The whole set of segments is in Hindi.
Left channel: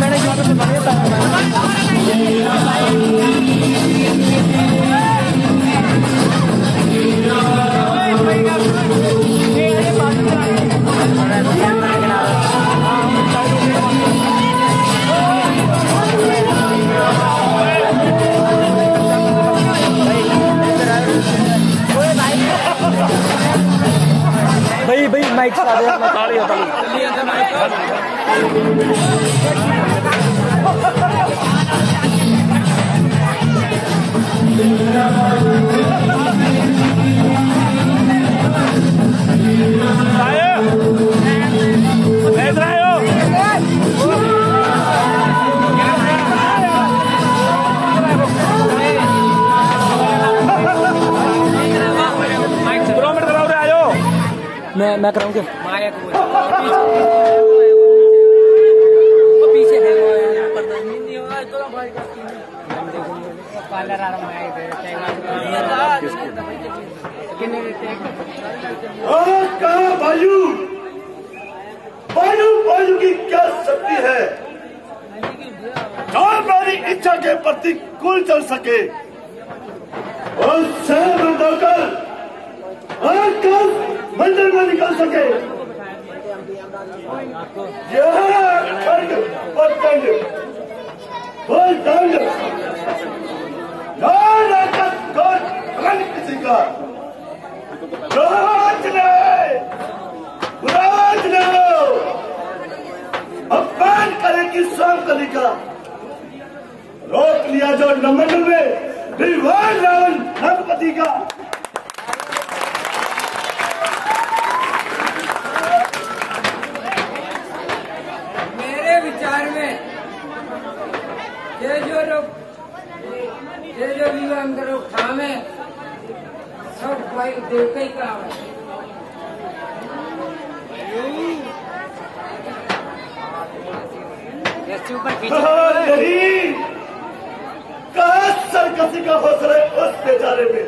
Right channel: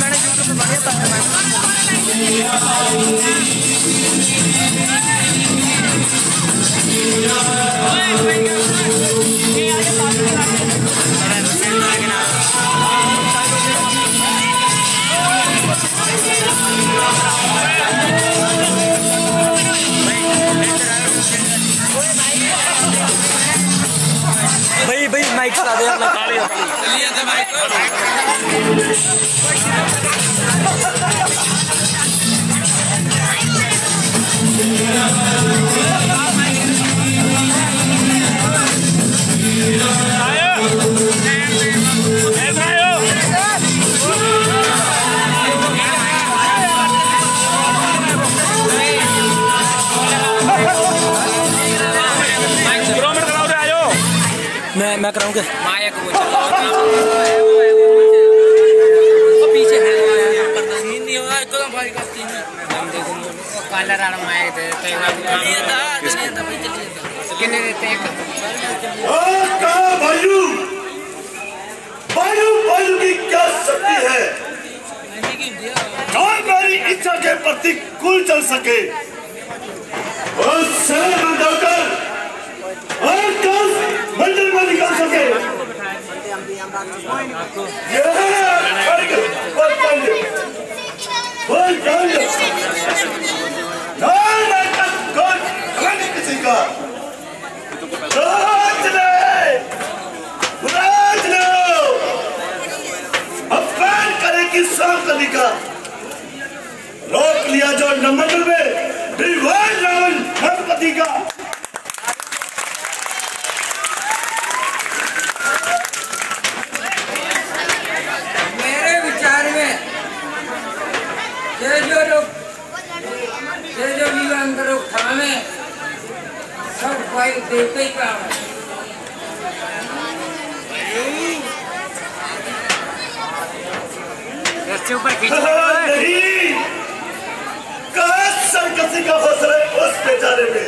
मैंने यूट्यूब पे बनाया था भाई माइक चला दे अपना काली होता मैं कराऊंगा पीछे है नहीं होगा एकदम भारी करती है हम देखो काला राणा माया दे कितने देते हैं और कहा भाइयों भाइयों की क्या शक्ति है और मेरी इच्छा के प्रति कुल चल सके और शहर में जाकर और मंदिर में निकल सके किसी का अपमान करे कि साफ करने का रोक लिया जो नमंडल में विवाद रावण गणपति का जो अंदर थामे सब भाई देवता ही काम है नहीं कहा सरकसी का हौसला उस बेचारे में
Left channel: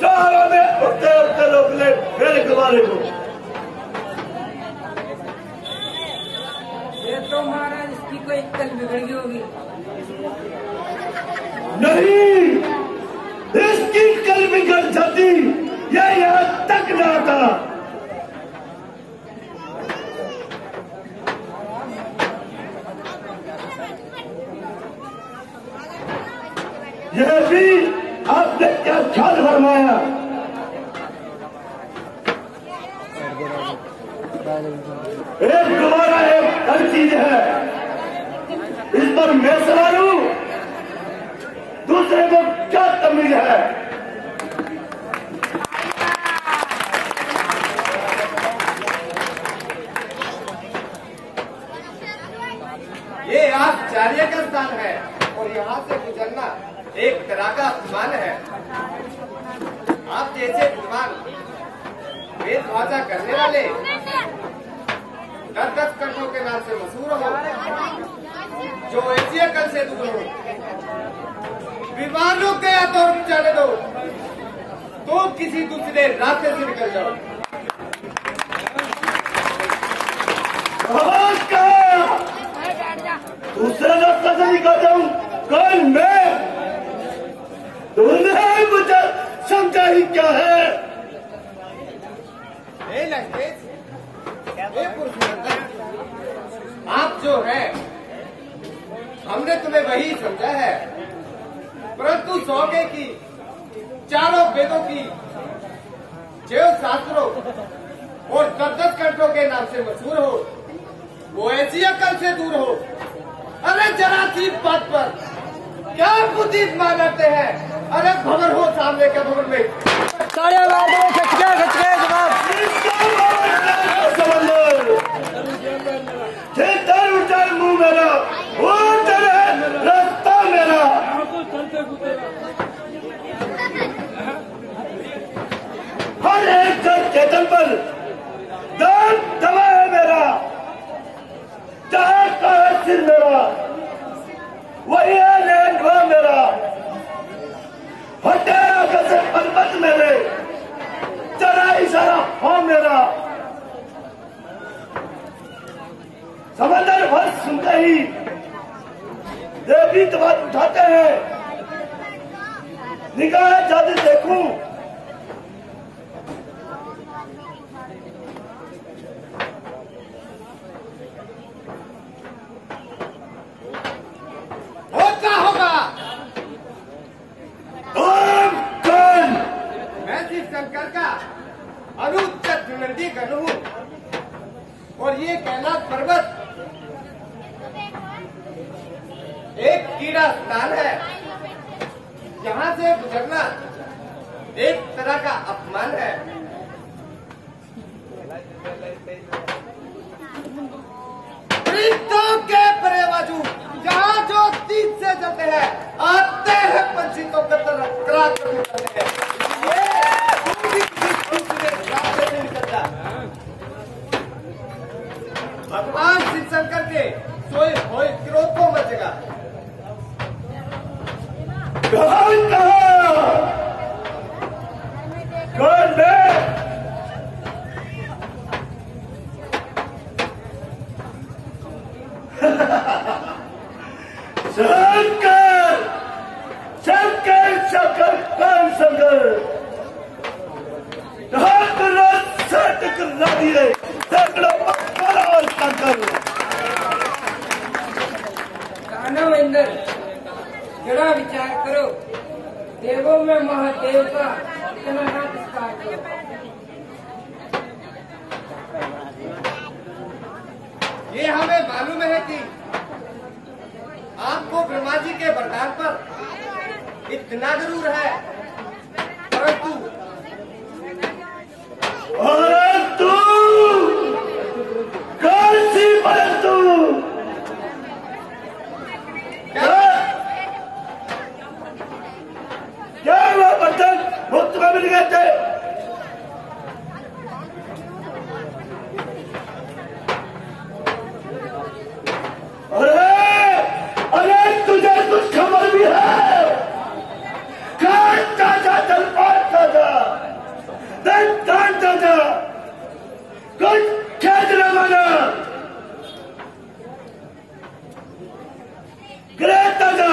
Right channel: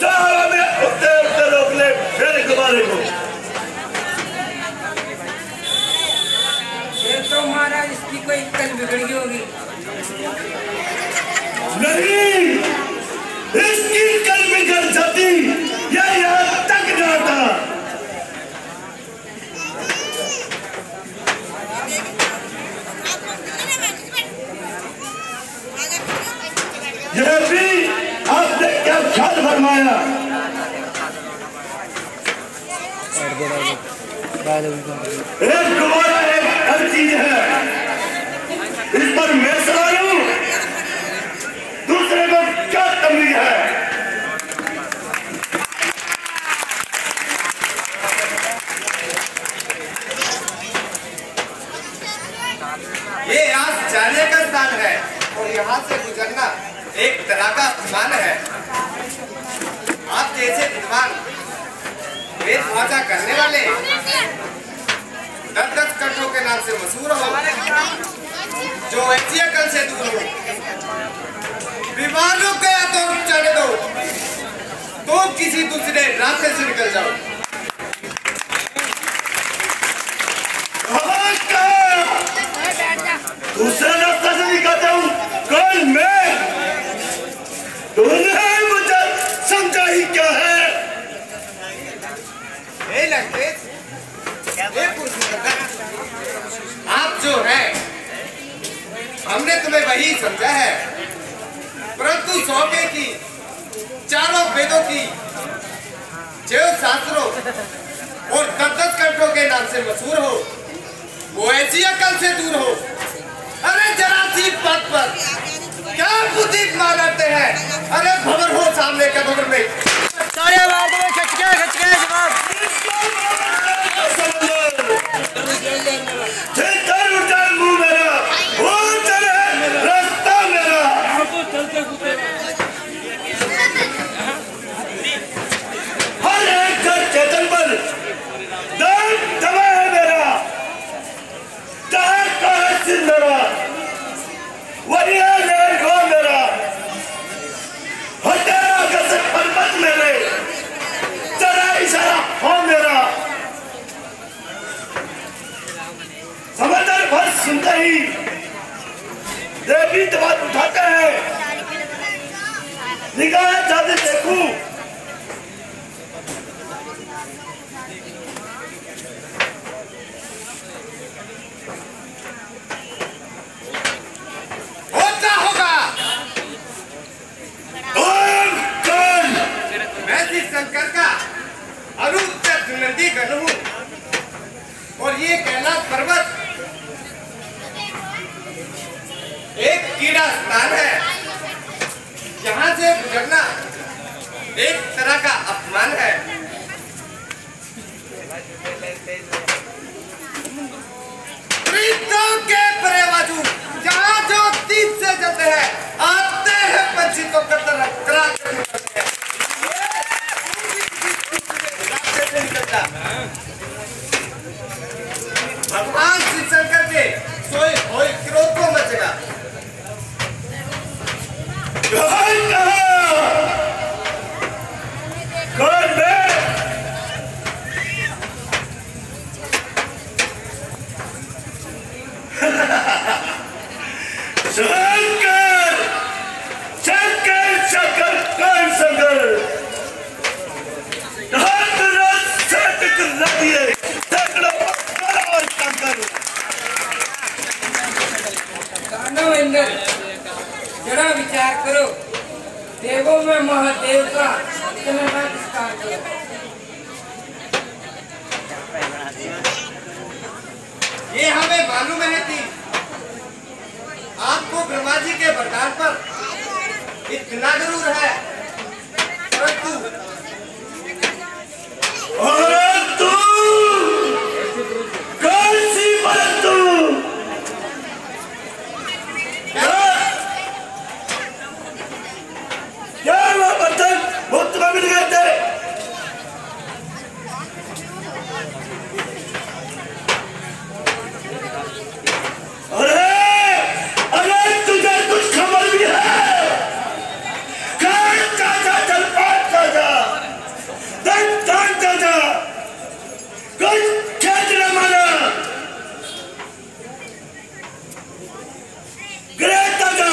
चारा में उठते उठते रोक ले फिर गुब्बारे को ये तो महाराज इसकी कोई कल बिगड़ी होगी नहीं इसकी कल बिगड़ जाती यह यहाँ तक न आता यह भी आपने क्या ख्याल फरमाया एक गुब्बारा एक हर चीज है इस पर मैं सवार हूं दूसरे को क्या तमीज है ये आज जाने का स्थान है और यहाँ से गुजरना एक तरह का अपमान है। आप जैसे विद्वान वेद भाषा करने वाले 10-10 कंठों के नाम से मशहूर हो जो ऐसी अकल से दूर हो विमानों का तो चढ़ दो तो किसी दूसरे रास्ते से निकल जाओ। दूसरा रास्ता से निकलता हूँ कल मैं तूने मुझे समझा ही क्या है आप जो है हमने तुम्हें वही समझा है परंतु 100 की चारों वेदों की जो शास्त्रों और 10-10 कंठों के नाम से मशहूर हो वो ऐसी अकल से दूर हो। अरे जरा सी बात पर क्या बुद्धि मानते हैं। अरे खबर हो सामने के खबर में सारे वार्ड में खच गया जवाब मुंह मेरा वो चले रास्ता मेरा हर एक चेतन पर दाम दबा है मेरा चाहे कहे सिर मेरा वही है मेरा हटेरा कसर पर्वत मेरे चढ़ा इशारा नहीं, देवी तबाद उठाते हैं, निगाह जाते देखूं होता होगा। ओम कौन? मैं श्री शंकर का अनुत्तर नंदी गण हूँ और ये कैलाश पर्वत एक कीड़ा स्थान है। यहाँ से गुजरना एक तरह का अपमान है। प्रीतों के परेवाजू जहाँ जो तीर से जाते हैं आते हैं पंछी को कतर करार करने वाले हैं। भगवान श्री शंकर के सोए होए क्रोध को मचेगा। कौन कहा? कौन मैं? शंकर, शंकर, शंकर, कौन शंकर? हाथ रात साथ कर दिए, तगड़ा पकड़ा और शंकर। दानव इंद्र, जरा विचार करो, देवों में महादेव का इतना नमस्कार करो। ये हमें मालूम है कि आपको ब्रह्मा जी के वरदान पर इतना जरूर है, परंतु कौन सी परंतु? क्या वो बर्तन मुफ्त में मिल गए थे? अरे तुझे कुछ खबर भी है? काट ताजा, जलपान ताजा, दन ताजा, कुछ खेद न माना, ग्रह ताजा,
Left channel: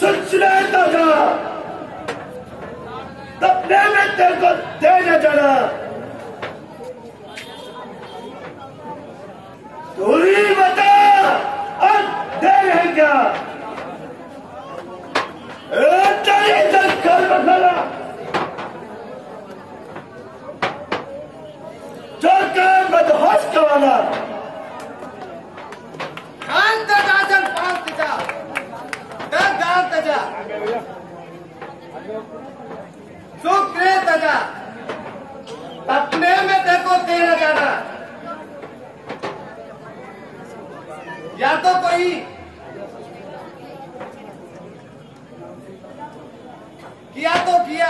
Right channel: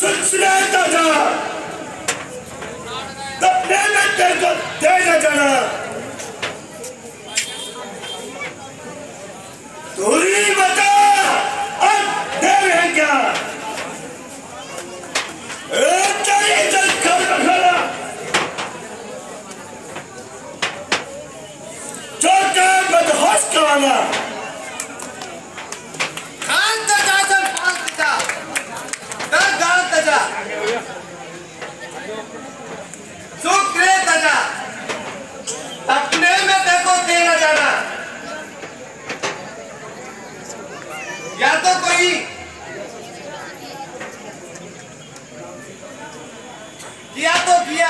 सुचना ताजा, तपने में तेरे को दे न जाना। तू ही बता, अब दे रहे क्या? चल कर बखाना, चौके बदहोश करवाना। खान तजा जलपान तजा, दर गान तजा, सुग्रे तजा, अपने में देखो देना जाना। या तो कोई किया तो किया,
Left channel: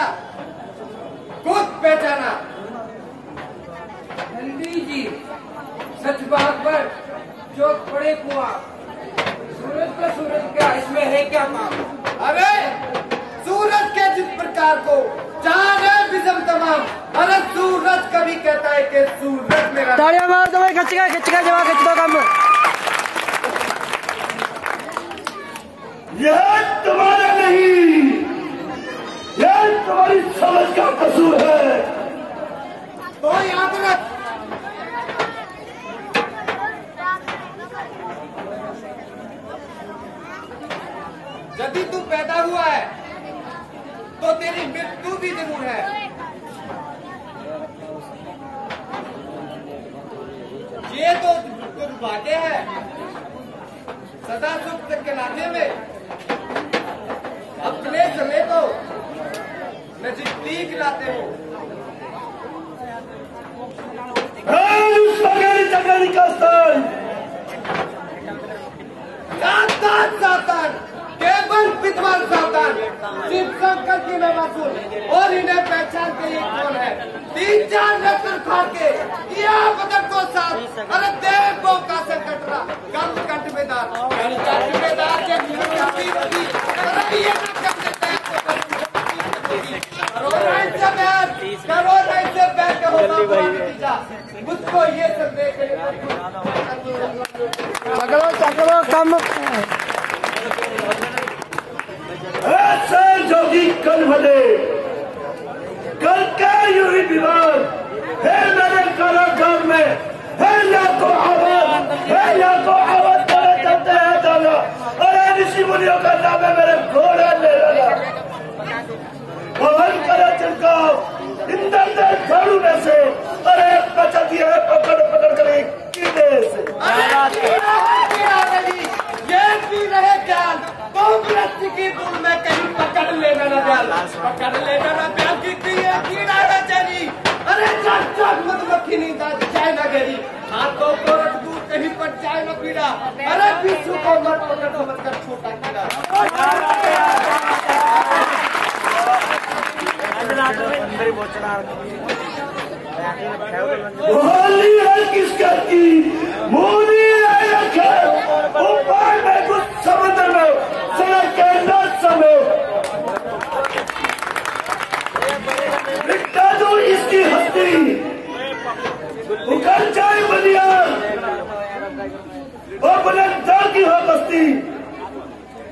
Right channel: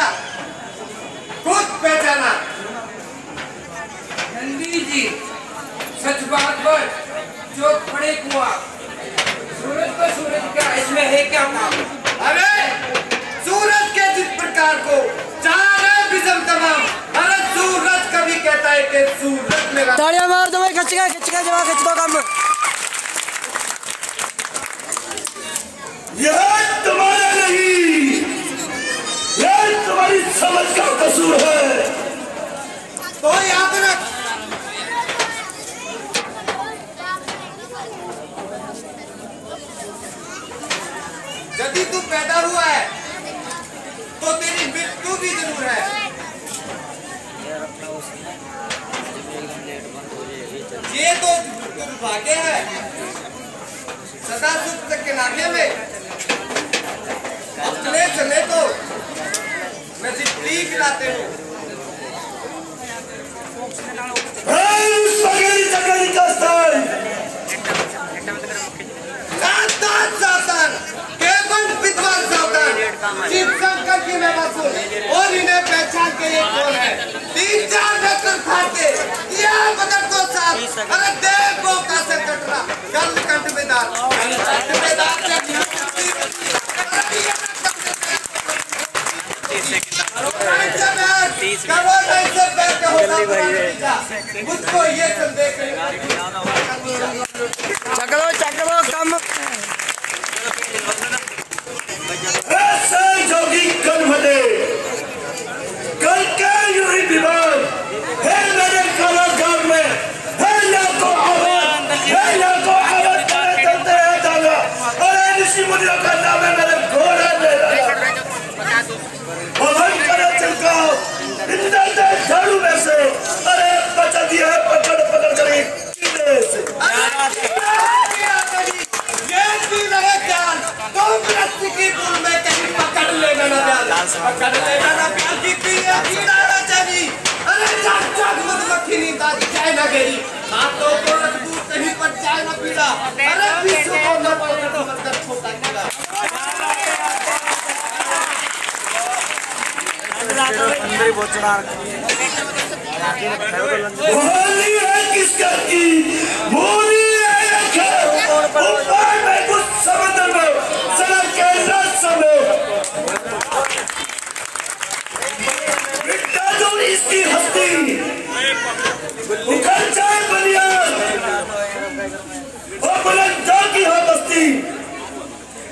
खुद पहचाना। नंदी जी, सच बात पर चौक पड़े कुआं, सूरज को सूरज का इसमें है क्या काम? अरे सूरज के जिस प्रकार को चार विषम तमाम, अरे सूरज कभी कहता है कि सूरज मेरा। तालियां मार दो भाई, खिंच गया जवा खिंच दो काम। यह तुम्हारा नहीं, यह तुम्हारी समझ का कसूर है। तो याद रख, यदि तू पैदा हुआ है तो तेरी मृत्यु भी जरूर है। ये तो दुर्भाग्य है सदा सुख के नाते में अपने समय को मैं जितनी खिलाते हूँ। सावधान एवं विद्वान सावधान, शिव शंकर की मैं मासूम और इन्हें पहचान के ये कौन है? 3-4 नक्कर फाड़ के किया बदर को साथ, अरे देव को कासे कटरा, कल कंठ में दार, जब करो नहीं से बैठे होगा मुझको ये संदेश चक लो कम ऐसे जोगी कल भले कल के यूं विवाद है मेरे कलाकार में है लाखों आवाज करे चलते हैं जाना। अरे ऋषि मुनियों का नाम है मेरे घोड़े ले भवन करे चिलकाओ इंद्र दे झाड़ू में से। अरे बचा दिया है पकड़ करे कीड़े से। ये भी रहे ख्याल कांग्रेस की पुल में कहीं पकड़ लेना ना प्यार की है कीड़ा है जानी। अरे जाग मधुमक्खी नी दादी जाए ना गेरी हाथों को रखूं कहीं पर जाए ना पीड़ा। अरे विश्व को न पकड़ मत छोटा कीड़ा। होली है किसका की मोदी है रखा ऊपर में कुछ समंदर में सड़क के रात में मिटा दो इसकी हस्ती उखड़ जाए बुनियाद और बुलंदा की हो बस्ती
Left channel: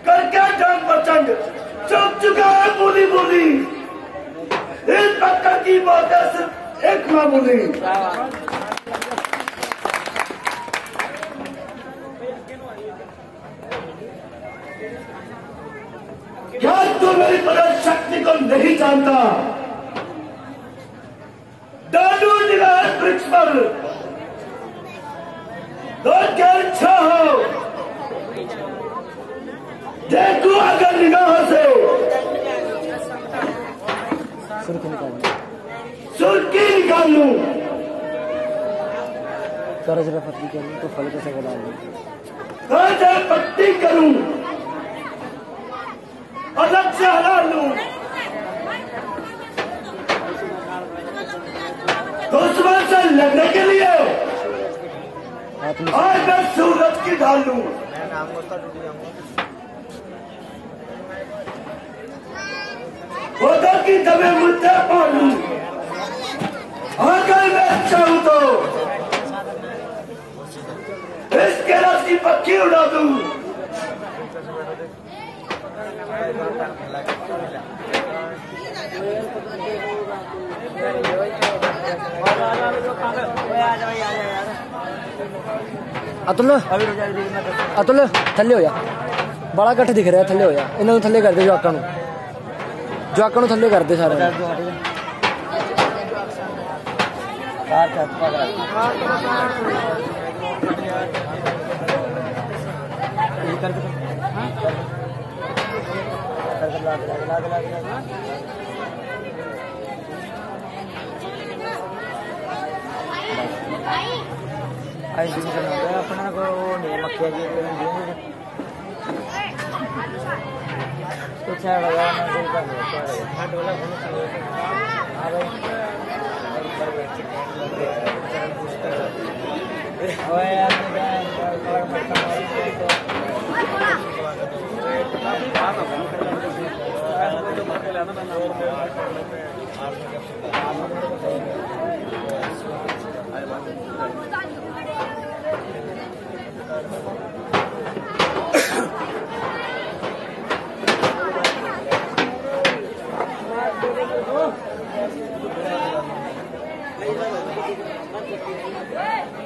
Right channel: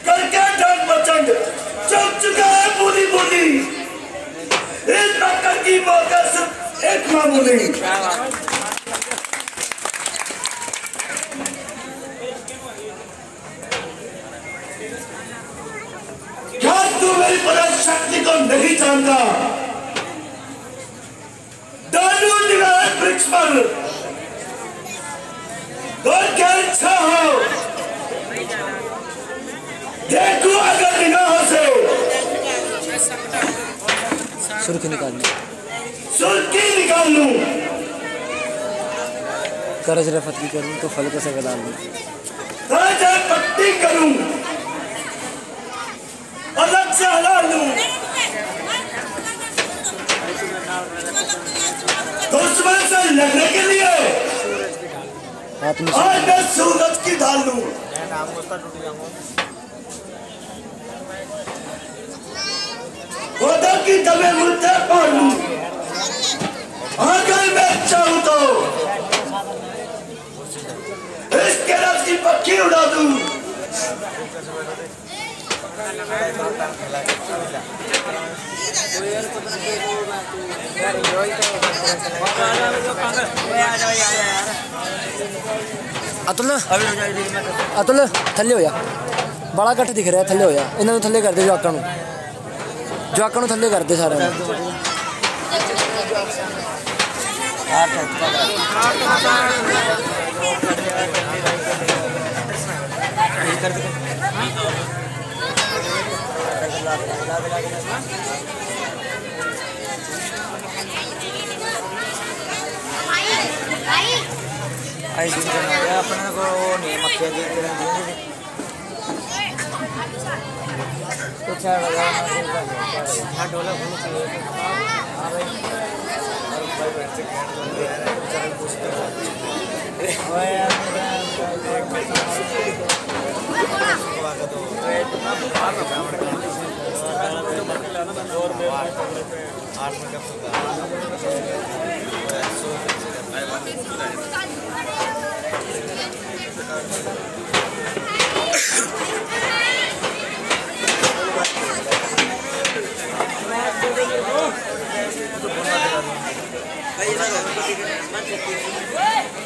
करके डांग प्रचंड चल चुका है बोली इस टक्कर की मौत सिर्फ एक मामूली। क्या तू मेरी पदक शक्ति को नहीं जानता? डालू निगाह वृक्ष पर तो क्या इच्छा हो देखो अगर निगाहों से सुर्खी निकाल लूं करज रफत की करूं तो फल कैसे डाल लूं पट्टी करूं अलग से हला लूं दुश्मन से लड़ने के लिए आज मैं सूरज की ढाल लूं। खुदा की दबे मुद्दे पार लूं अगर मैं चाहूं तो इसके रस की पक्की उड़ा दूं। अतुल थले हो जा बड़ा कट्ठ दिख रहा है थले हो जा इन्होंने थले कर दे जवाकां नूं थले कर दे सारे अपने को नहीं मक्खियां दी कुछ लगा डोला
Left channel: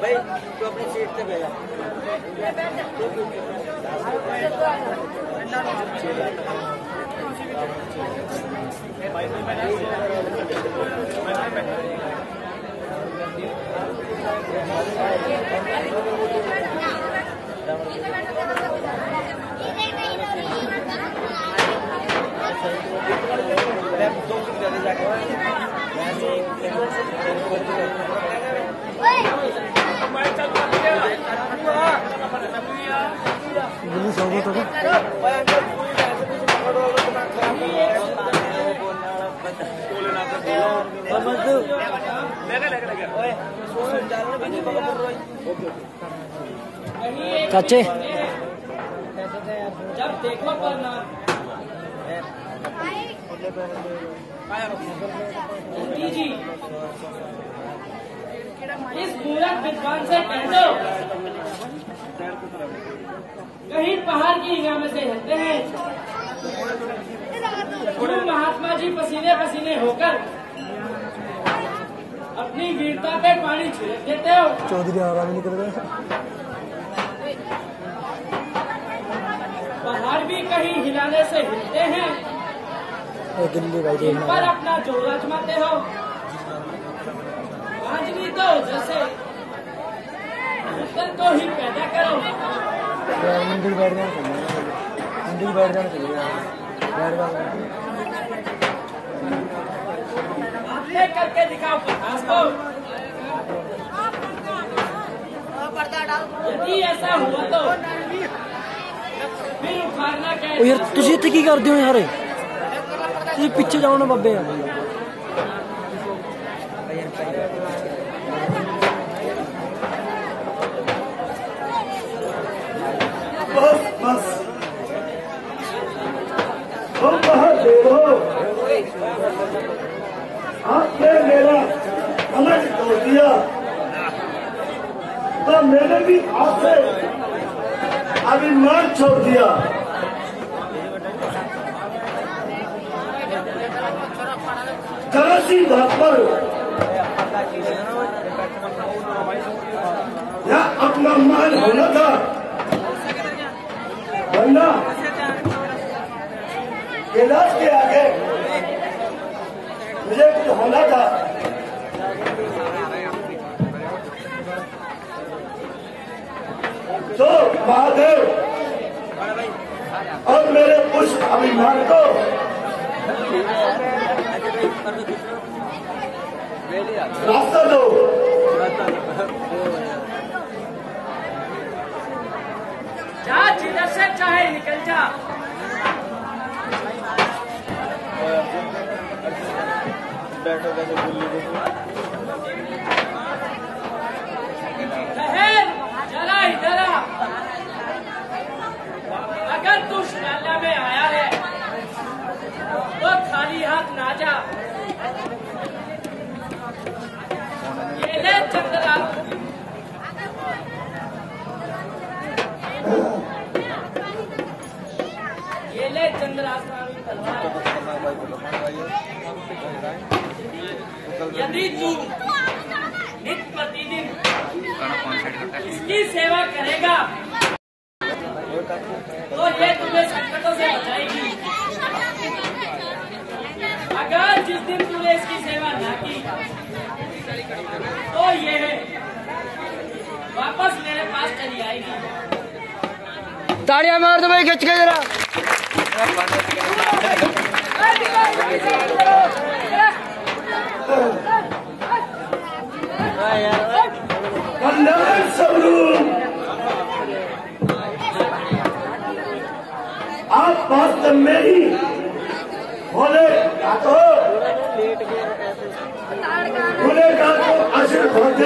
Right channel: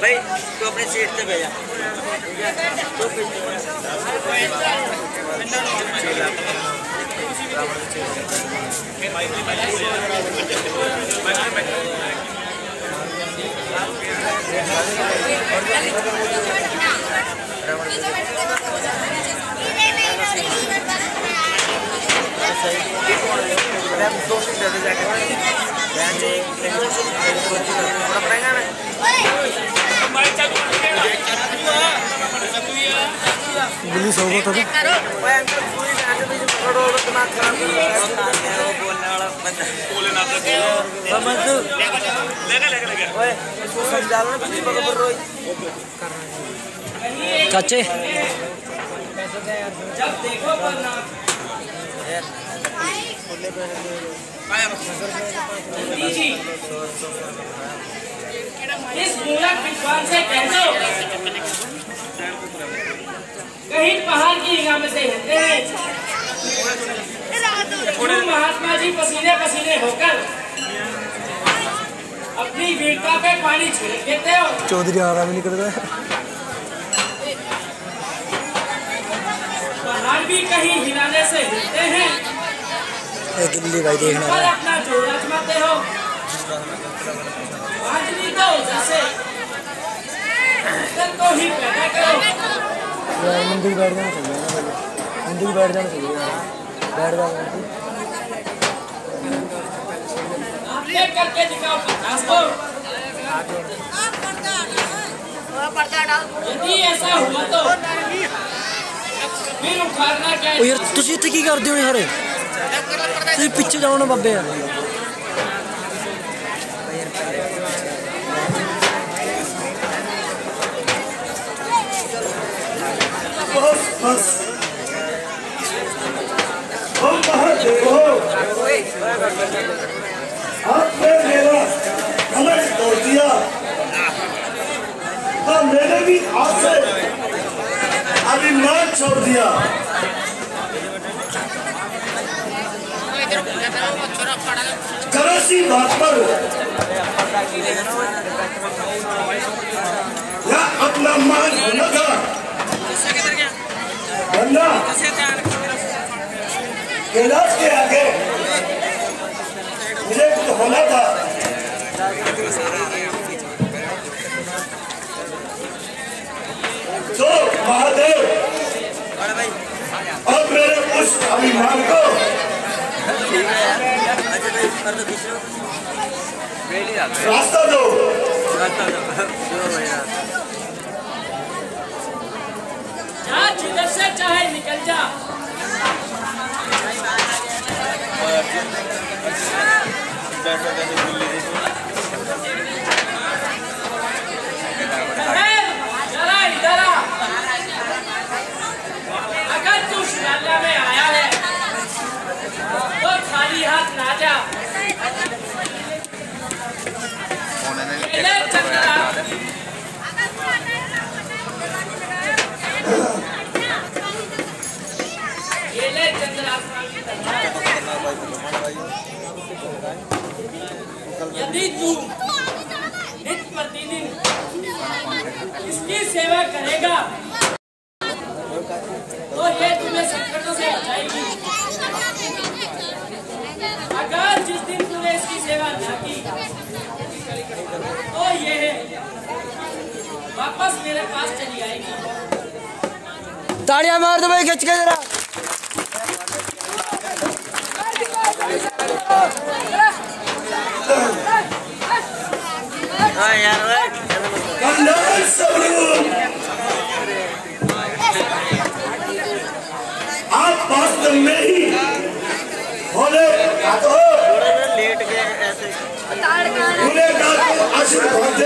भाई तो अपने सीट पे भेजा तो पुलिस होगा तो चाचे जब देखो जी इस मूलक विद्वान से कह दो कहीं पहाड़ की हिंगा में से हिलते हैं, क्यों महात्मा जी पसीने पसीने होकर अपनी वीरता पे पानी छिड़क देते हो। चौधरी आराम ही नहीं कर रहा। पहाड़ भी कहीं हिलाने से हिलते हैं, गिल्ली भाई देखना पर अपना जोर आजमाते हो। आंजनी दो जैसे तन को ही पैदा करो। मंदिर बैठ जाना चाहिए, मंदिर बैठ जाना चाहिए, बैठ जाना। आपने करके दिखाओ प्रकाश को। यदि ऐसा हुआ तो फिर उखाड़ना क्या है? ओ यार ਤੁਸੀਂ ਇੱਥੇ ਕੀ ਕਰਦੇ ਹੋ ਯਾਰ? ਤੁਸੀਂ ਪਿੱਛੇ ਜਾਓ ਨਾ ਬੱਬੇ ਯਾਰ। बस बस तुम महादेव हो, आपने मेरा कमर तोड़ दिया तो मैंने भी आपसे अभिमान छोड़ दिया। जरा सी बात पर या अपना मान होना था, वरना कैलाश के आगे मुझे कुछ होना था। तो महादेव और मेरे उस अभिमान को रास्ता दो। जा जिधर से चाहे निकल जा। जरा इधर आ। अगर तू शिवालय में आया है तो खाली हाथ ना जा। ये ले चंद्रास्वामी तलवार। यदि तू नित्य प्रतिदिन इसकी सेवा करेगा तो ये तुम्हें संकटों से बचाएगी। अगर जिस दिन तूने इसकी सेवा न की तो ये वापस मेरे पास चली आएगी। तालियां मार दो भाई खच के जरा। कल्याण स्वरूप आप वास्तव में ही भोले गुनेगार को आशीर्वाद